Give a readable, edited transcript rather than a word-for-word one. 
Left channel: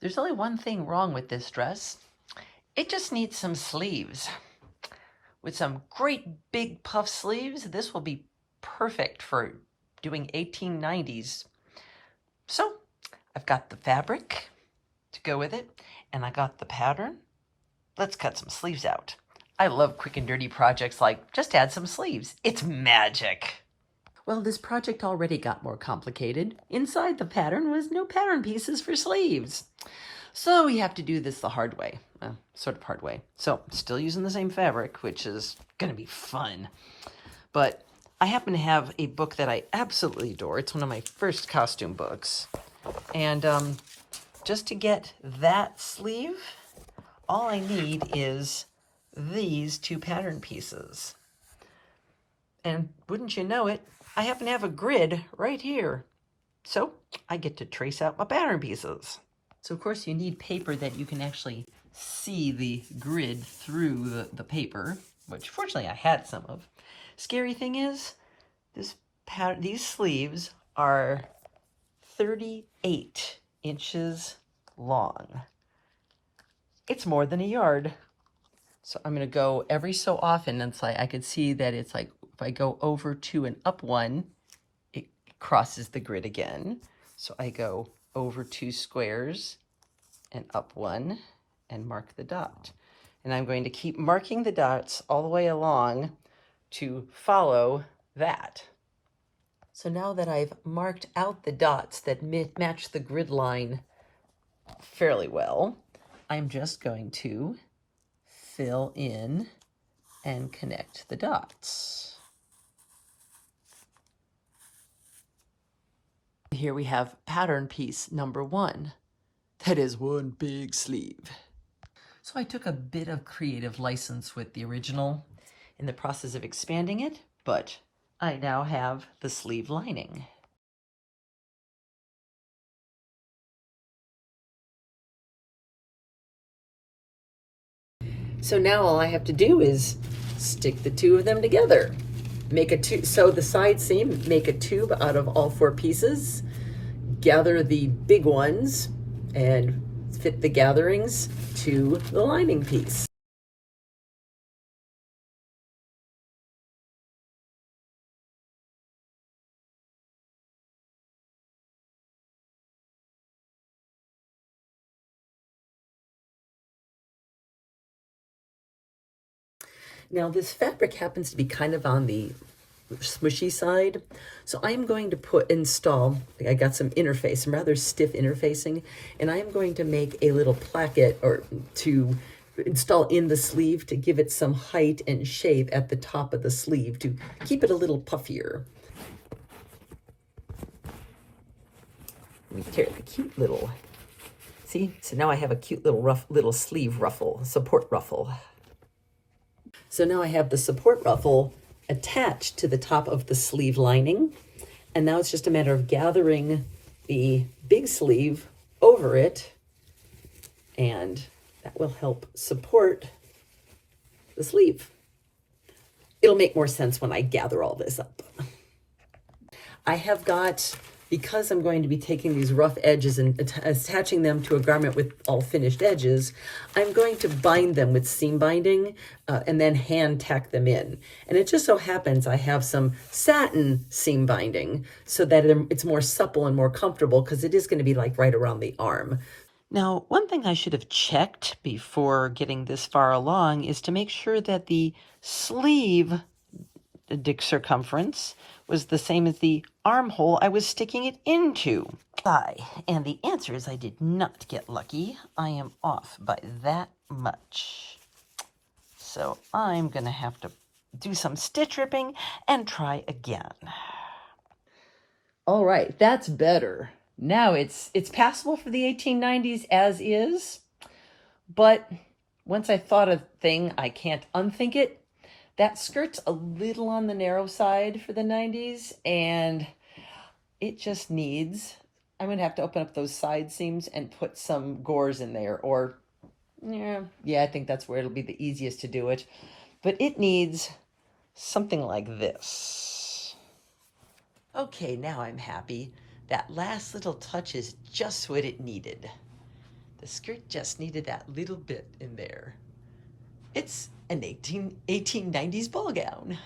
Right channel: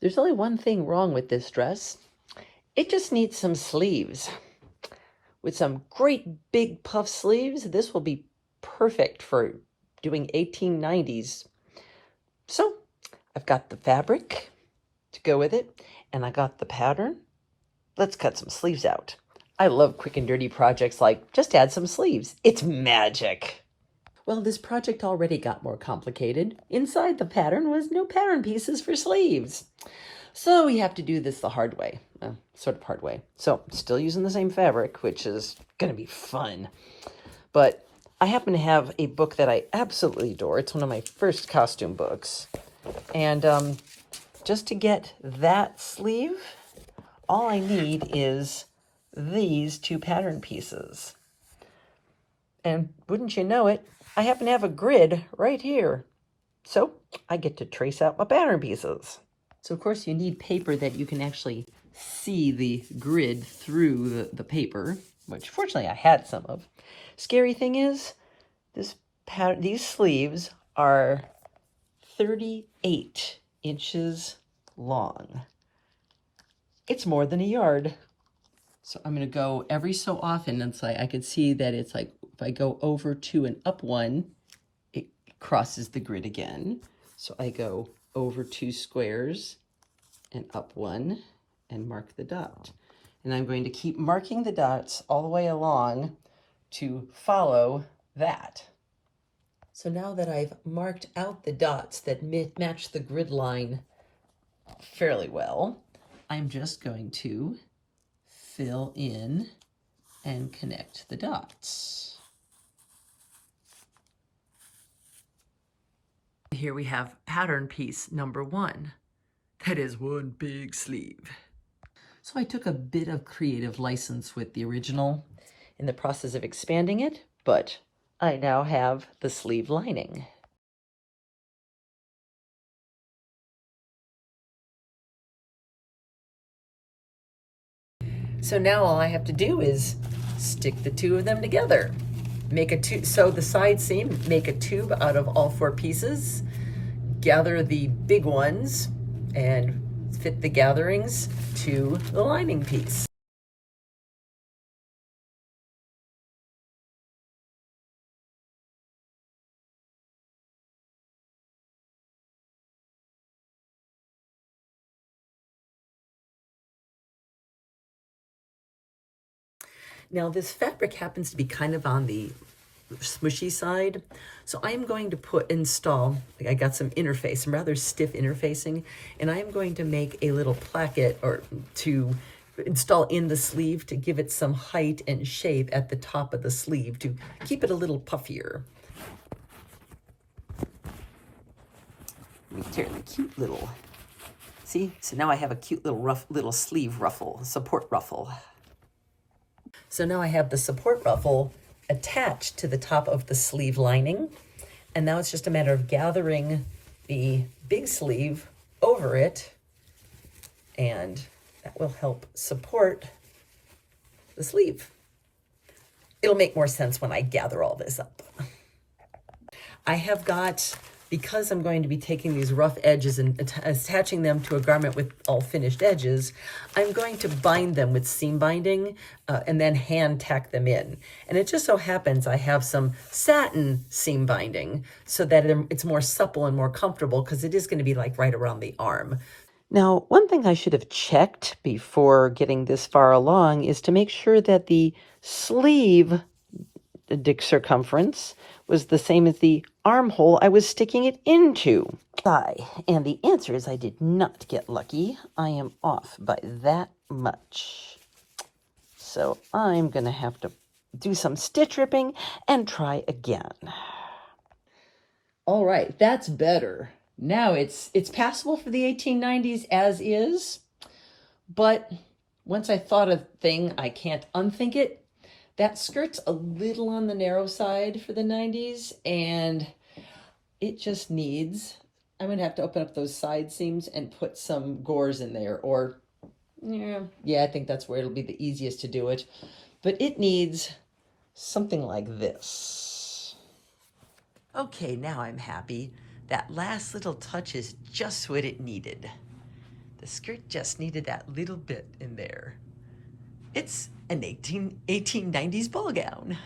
There's only one thing wrong with this dress. It just needs some sleeves. With some great big puff sleeves, this will be perfect for doing 1890s. So I've got the fabric to go with it, and I got the pattern. Let's cut some sleeves out. I love quick and dirty projects like just add some sleeves. It's magic. Well, this project already got more complicated. Inside the pattern was no pattern pieces for sleeves. So we have to do this the hard way, sort of hard way. So still using the same fabric, which is going to be fun. But I happen to have a book that I absolutely adore. It's one of my first costume books. And just to get that sleeve, all I need is these two pattern pieces. And wouldn't you know it, I happen to have a grid right here. So I get to trace out my pattern pieces. So of course you need paper that you can actually see the grid through the paper, which fortunately I had some of. Scary thing is, these sleeves are 38 inches long. It's more than a yard. So I'm going to go every so often. It's like I could see that it's like if I go over 2 and up 1, it crosses the grid again. So I go over 2 squares and up 1 and mark the dot. And I'm going to keep marking the dots all the way along to follow that. So now that I've marked out the dots that match the grid line fairly well, I'm just going to fill in and connect the dots. Here we have pattern piece number 1. That is one big sleeve. So I took a bit of creative license with the original in the process of expanding it, but I now have the sleeve lining. So now all I have to do is stick the two of them together. Make a tube, sew the side seam, make a tube out of all 4 pieces, gather the big ones, and fit the gatherings to the lining piece. Now this fabric happens to be kind of on the smushy side, so I am going to install, I got some interface, some rather stiff interfacing, and I am going to make a little placket or to install in the sleeve to give it some height and shape at the top of the sleeve to keep it a little puffier. Let me tear the cute little, see? So now I have a cute little sleeve ruffle, support ruffle. So now I have the support ruffle attached to the top of the sleeve lining. And now it's just a matter of gathering the big sleeve over it. And that will help support the sleeve. It'll make more sense when I gather all this up. I have got, because I'm going to be taking these rough edges and attaching them to a garment with all finished edges, I'm going to bind them with seam binding and then hand tack them in. And it just so happens I have some satin seam binding so that it's more supple and more comfortable because it is going to be like right around the arm. Now, one thing I should have checked before getting this far along is to make sure that the sleeve circumference was the same as the armhole I was sticking it into. And the answer is I did not get lucky. I am off by that much. So I'm going to have to do some stitch ripping and try again. All right, that's better. Now it's passable for the 1890s as is, but once I thought a thing, I can't unthink it. That skirt's a little on the narrow side for the 90s, and it just needs, I'm going to have to open up those side seams and put some gores in there, or, yeah, I think that's where it'll be the easiest to do it. But it needs something like this. Okay, now I'm happy. That last little touch is just what it needed. The skirt just needed that little bit in there. It's an 1890s ball gown.